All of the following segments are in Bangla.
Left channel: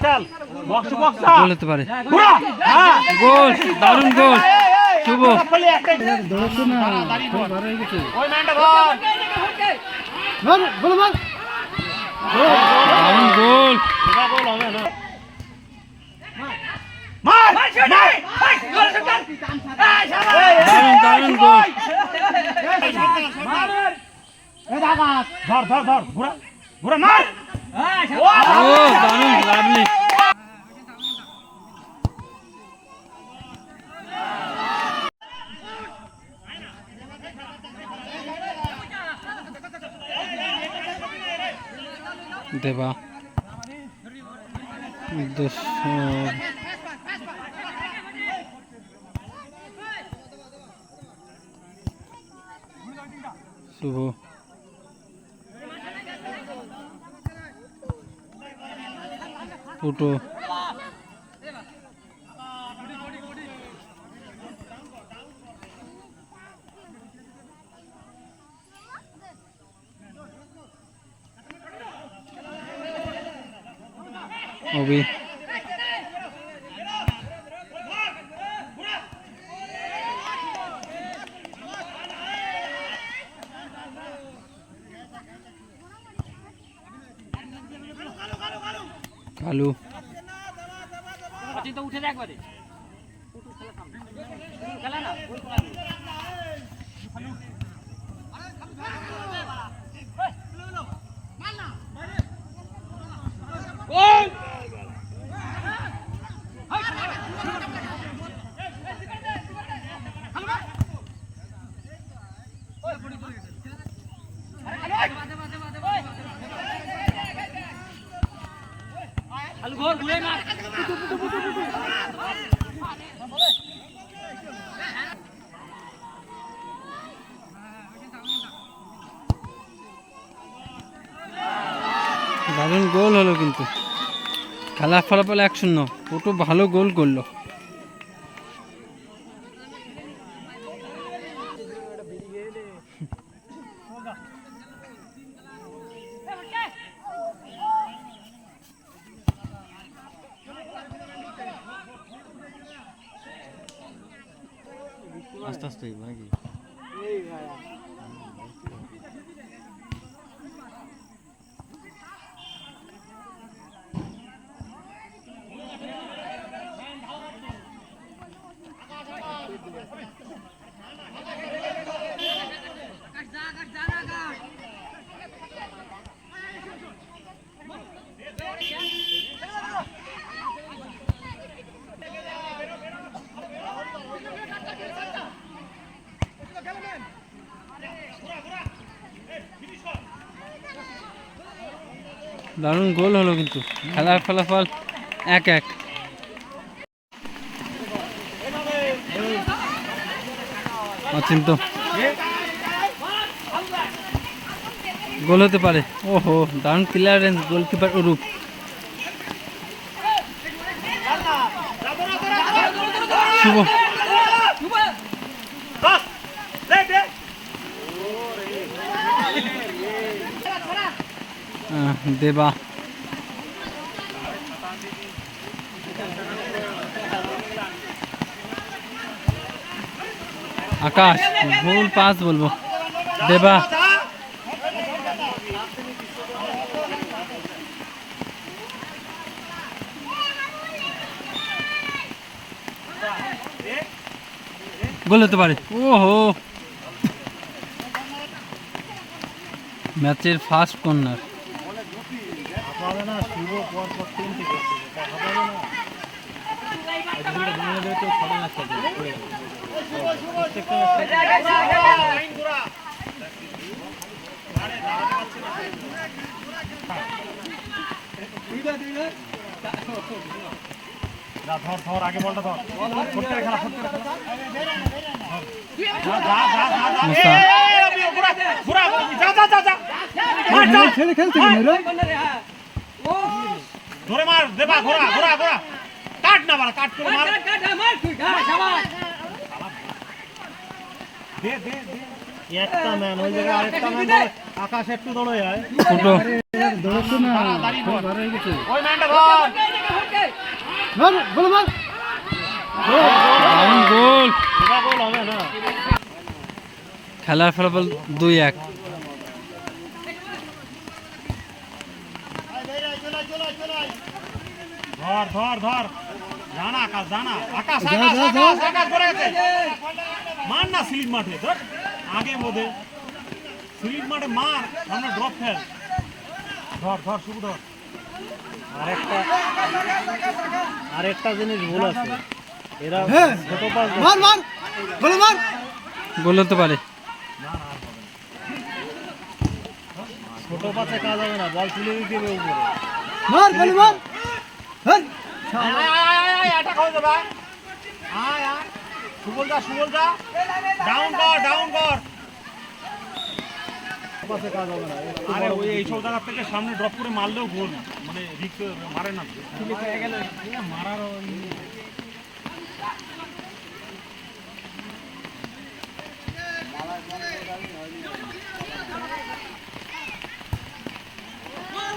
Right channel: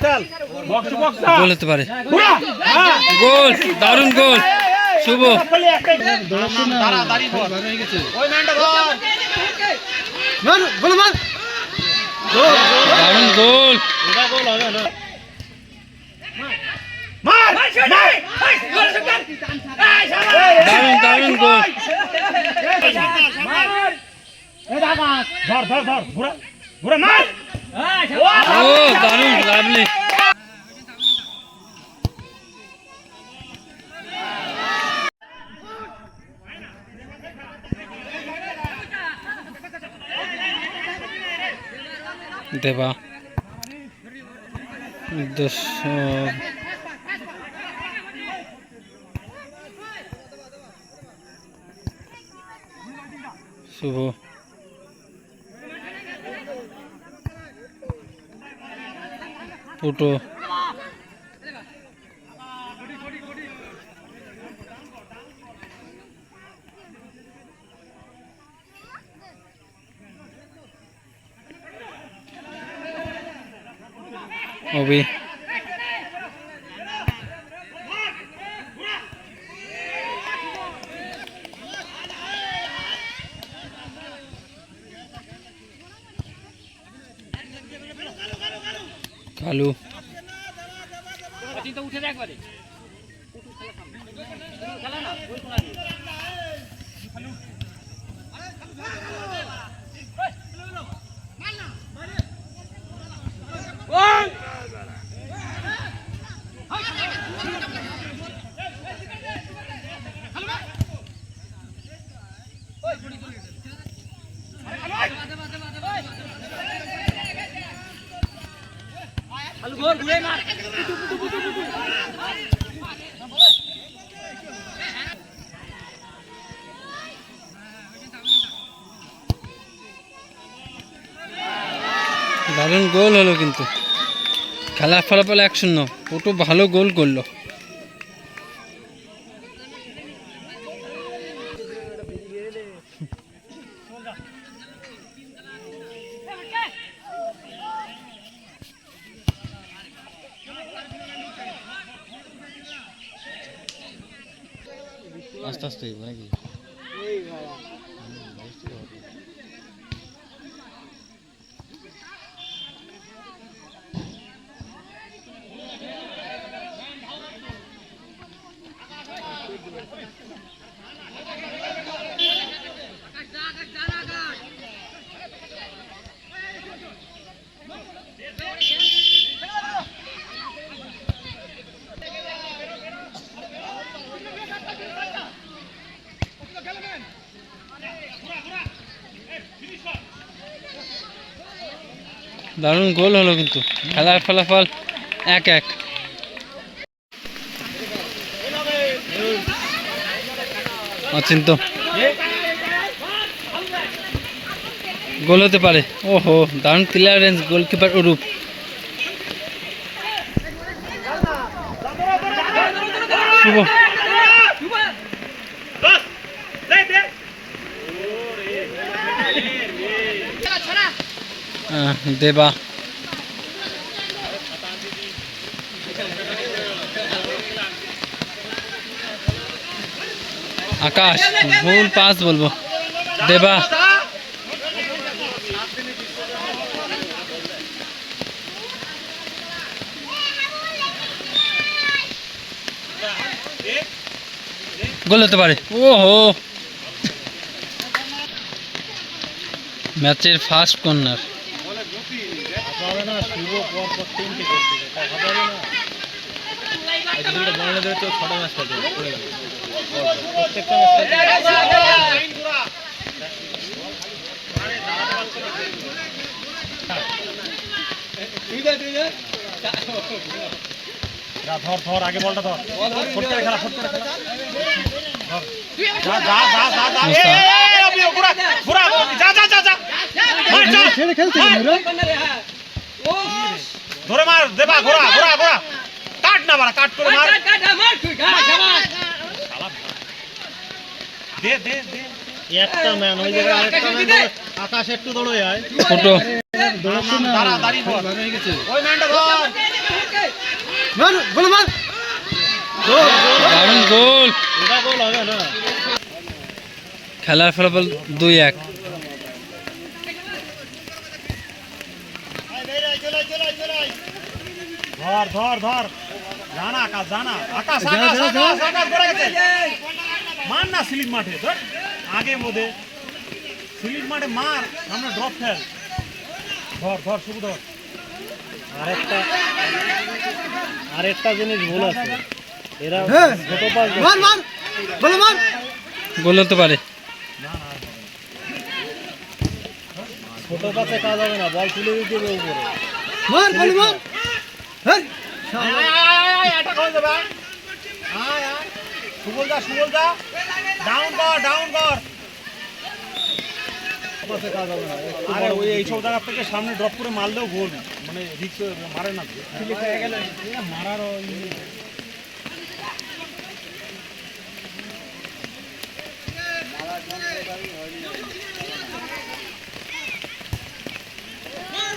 খেল বক্স বক্স গোল হতে পারে হ্যাঁ গোল দারুণ গোল শুভ দারুণ গোল মার মার দারুণ দারুণ গোল ধর ধর ধর ঘোরা ঘোরা মার ও দারুণ লাভলি দেবা দুশো শুভ পুটো। অবি गोल गोल मार पुटु पुटु पुटु पुटु দারুণ গোল হলো কিন্তু। খেলার ফলাফল এক শূন্য। পুটু ভালো গোল করল। আস্তে আস্তে, নাকি? দারুণ গোল হলো কিন্তু। খেলার ফলাফল এক এক। অচিন্ত। গোল হতে পারে। ও ওহো, দারুণ ক্লিয়ারেন্স গোলকিপার অরূপ। শুভ বাস দে দে আহ, দেবা আকাশ ভুল পাস বলব দেবা গোল হতে পারে ওহো ম্যাচের ফার্স্ট কর্নার পাবে না শুভ পর তিনটে করতে তাই হবে না আজ দুটো বাংলা দেবে তো ধর ধর আগে বলটা ধর ফুট করে খেলা ফুট করে খেলা ধর। যা। মার। ধরে মার দেবা ঘোরা ঘোরা ঘোরা। কাট না বাড়া কাট করে মার। দে দে দে। একটা ম্যান ওই জায়গায় আরেকটা ম্যান আকাশ একটু দৌড়ে যায়। ফুটো ওই ম্যানটা ধর। দারুণ গোল এটা গোল হবে না। খেলার ফলাফল দুই এক। ধর ধর ধর। জানা আকাশ জানা। আকাশ আকাশ আকাশ আকাশ ধরে গেছে। মার না স্লিপ মাঠে ধর। আগে মোদে স্লিপ মাঠে মার সামনে ড্রপ ফেল। ধর ধর শুধু ধর। আরেকটা আরেকটা জিনিস ভুল আছে। এরা ছোট পাস গোল হতে পারে। ছোট পাশে কাজ হবে না বল তুলে হবে উপরে এটা করে। দেবে এইসব জায়গা থেকে সামনে ড্রপ করে মারলেও গোল মানে রিক্স মারে না। মারার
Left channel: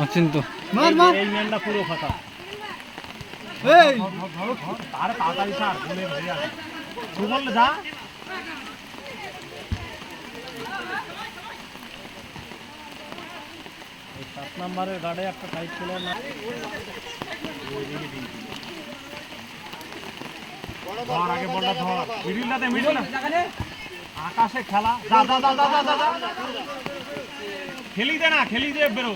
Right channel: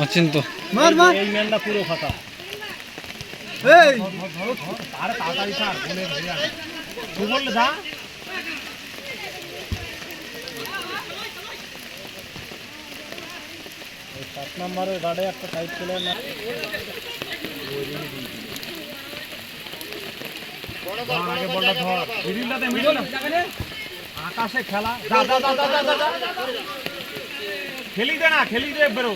অচিন্ত। এই- এই ম্যানটা পুরো ফাঁকা। আকাশে খেলা। খেলি দে না খেলি দে বেরো।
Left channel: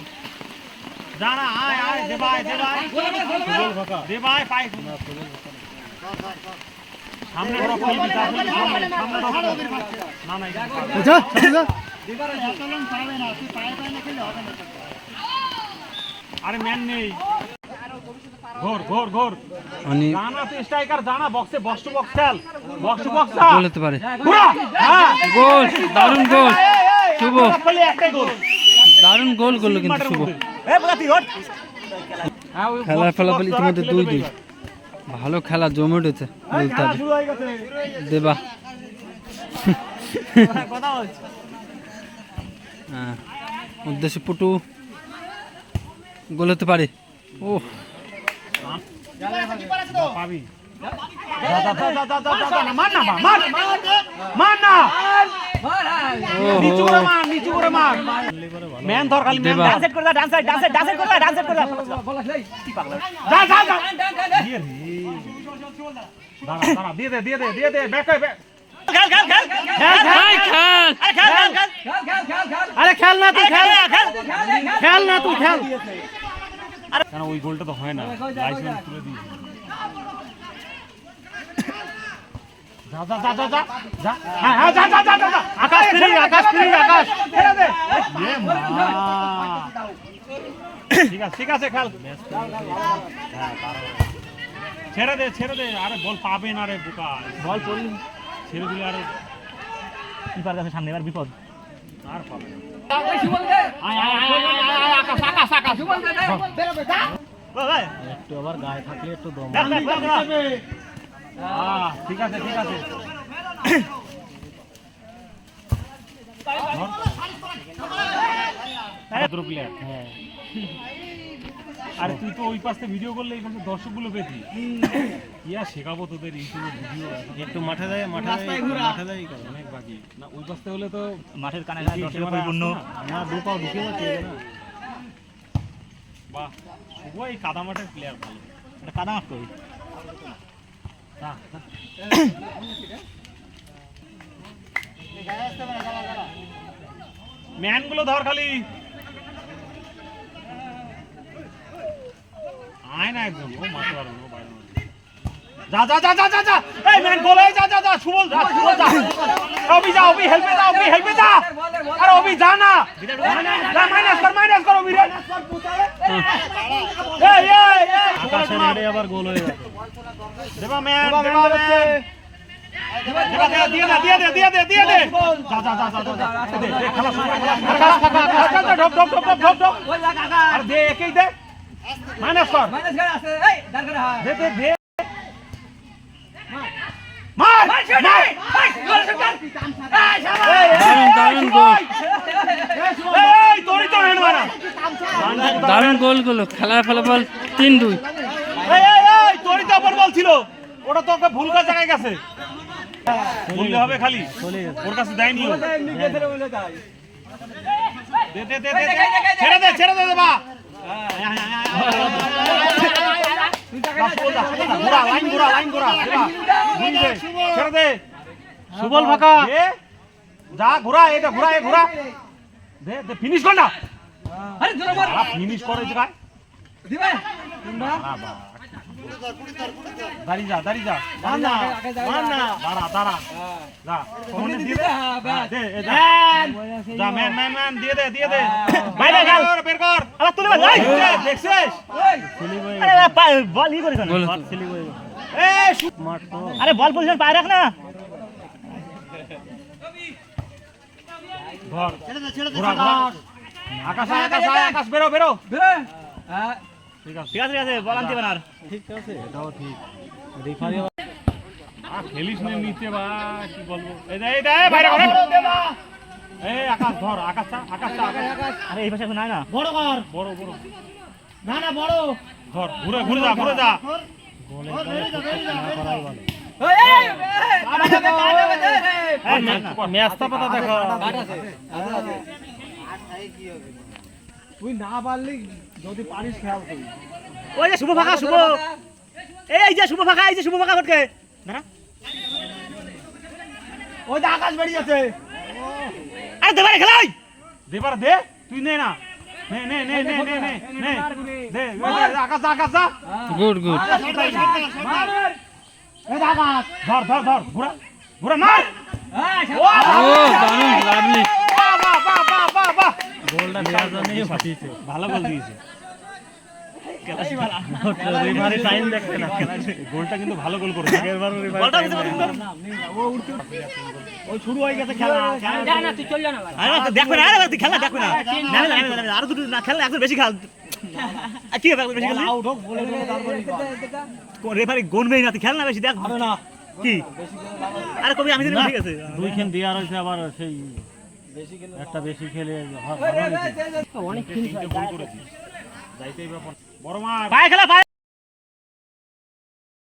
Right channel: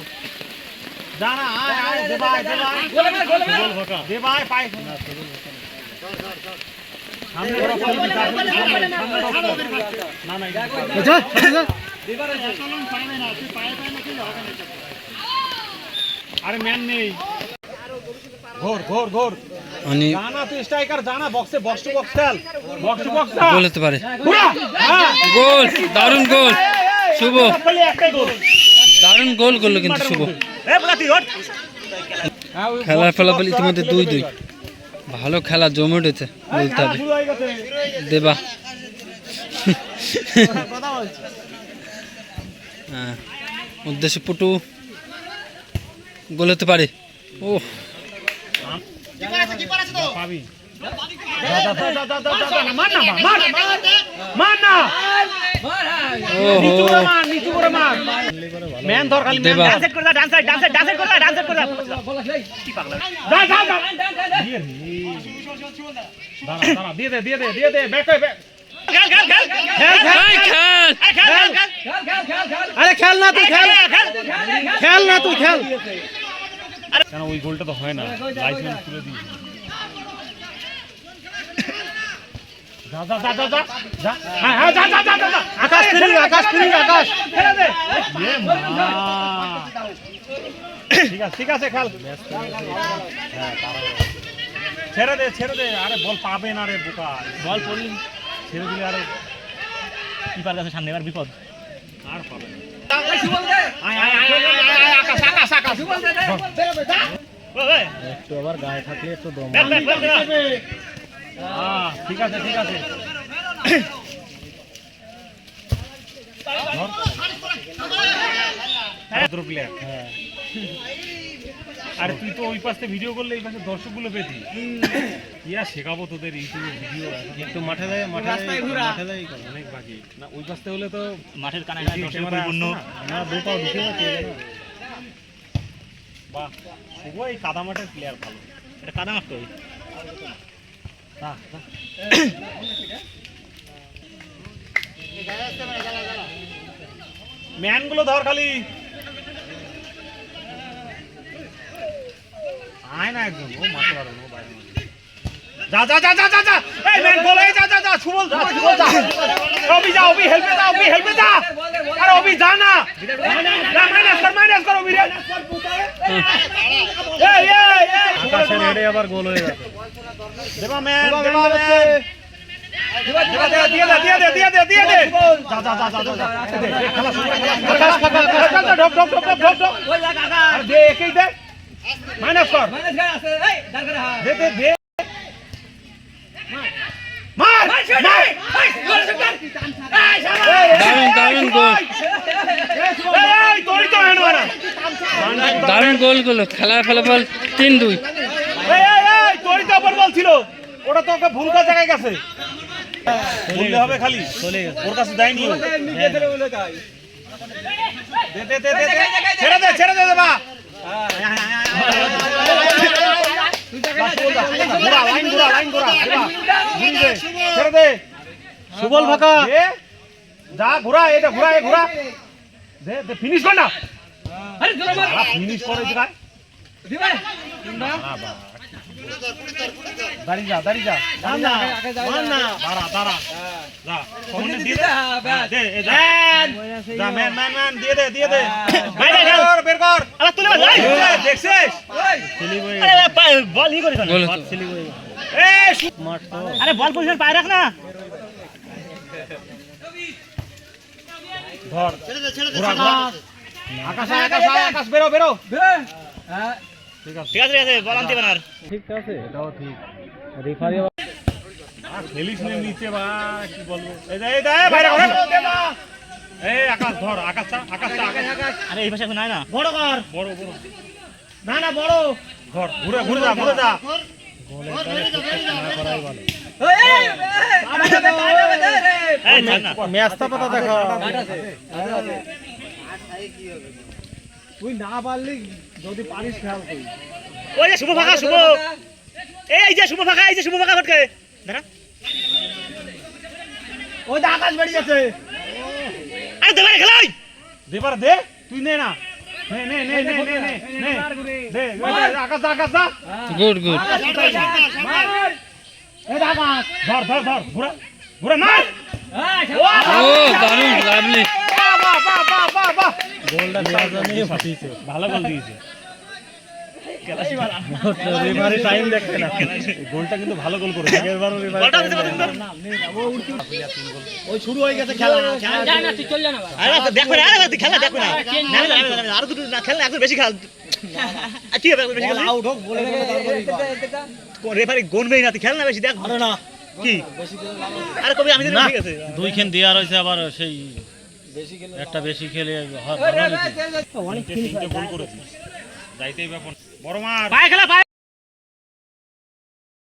যা আয় আয় দেবা আয় দেবা আয়। সুবল ফাঁকা দেবা আয় পায় সামনে ওরা করবি, যা করবি, সামনে, সামনে ওরা করবি। না না এটা আরে ম্যান নেই ঘোর ঘোর ঘোর মানে স্ট্রাইকার জানা বক্সে বক্স বক্স খেল বক্স বক্স গোল হতে পারে হ্যাঁ গোল দারুণ গোল শুভ একটাই গোল দারুণ গোল করল কিন্তু শুভ। খেলার ফলাফল ইতিমধ্যে দুই দুই। ভালো খেলা জমে উঠেছে বলতে হবে। দেবা। হ্যাঁ উদ্দেশ্য পটু গোল হতে পারে। ও দিয়ে হয়ে। খেল, না তুই খেল না তুই খেল ওই গোলটা তো হয় না লাইসেন্স তুলে দিই যা যা যা যা যা যা হ্যাঁ হ্যাঁ যা যা যা যা যা। ঠিক আছে ঠিক আছে ছেড়ে দে ছেড়ে দে আরে বল পাবে না রে বোকা বল পড়লি ছেড়ে দিলে আরে কিপার কাছে সামনে এবার বিপদ আর পাবে। একটু আবার গায়ে থাকলে একটু দম ঠিক আছে ঠিক আছে। আরে তুই তো ওই পাশে ভিডিও করলে এই পাশে দর্শকগুলো পেতি ইয়া শেখাবো তোদের ইউটিউবে ভিডিও একটু মাঠে যায় মাঠে মাঠে যায় অনেক বাজি না ওই পাশে হলে তো মাঠের না দু পাও ঢুকে যাচ্ছে বাহ শুভ এই কাদা মাঠের প্লেয়ার ভালো এটা কাদা মাঠ তো ম্যানগুলো ধর খালি। আয় না একদম, ও মারতে পারবে ও বাইরে। যা যা যা যা যা এই ম্যান এই যা যা যা সুবল যা সুবল যা। অবি যা অবি হেল্পে যা অবি হেল্পে যা আরে অবি যা না যা মাইনাস কর মাইনাস কর অবি রে এই এই এই আকাশের হেডে আবার গোল হয়ে গেছে দেবা ম্যান দেবা ম্যান দেবা দে দিয়ে দে দারুণ দারুণ গোল। দারুণ গোল করল খেলার ফলাফল তিন দুই ছিল ওটা তো ওকে ভুল কাজ জায়গায় গেছে হবে খালি ওর কাছে দেয়নি। ছেড়ে দে ছেড়ে দে বা সুবল ফাঁকা যা ঘোরা এটা ঘোরা এ ঘোরা। দে ফিনিশ কর না। ফিনিশ করে। দিরা দাঁড়িয়ে যা দাঁড়িয়ে যা। না দাঁড়া দাঁড়া। আরে বল পজিশন পায় রাখ না। ঘোরা। আকাশে আকাশে আকাশ বেরো বেরো। ঠিক আছে। ঠিক আছে বল আনতে বানার ঠিক আছে এটাও ঠিক। খেলিস না নিচে বা কি বলব? এই দে এই দে বাইরে ঘরে। এই আকাশ ধর আকাশটা আকাশটা আকাশ আরে এই পাশে নাই না। বড় কর বড় বড়। না না বড়। ধর ঘুরে ঘুরে যা ঘুরে যা। ম্যাচটা পাতা দেখো। তুই না পারলি যদি পারিস খেয়াল করি ওই যে শুভ ফাঁকা শুভ। এই যে শুভ ফাঁকা এই যে শুভ ফাঁকা ফটকে দাঁড়া ওই যে আকাশ বেরিয়ে গেছে। আরে দেবারে খেলাই। দেবার দে। তুই নে না। নে নে নে নে নে নে নে। দে আকাশ দা, আকাশ দা। Good good. এই আকাশ ধর ধর ধর ঘুরা ঘুরা মার। ও দারুণ লাভলি বাহ, বাহ, বাহ, বাহ, বাহ, বাহ। ভালো গোল দিয়েছে। গোলটা কিন্তু ভালো গোল হয়ে বেশি রেফারি গনবেই না খেল না বেশি দেখ না কি কবি আবার সেই একটা বেশি খেলে হয় অনেক বড় মার পায়ে খেলা পায়ে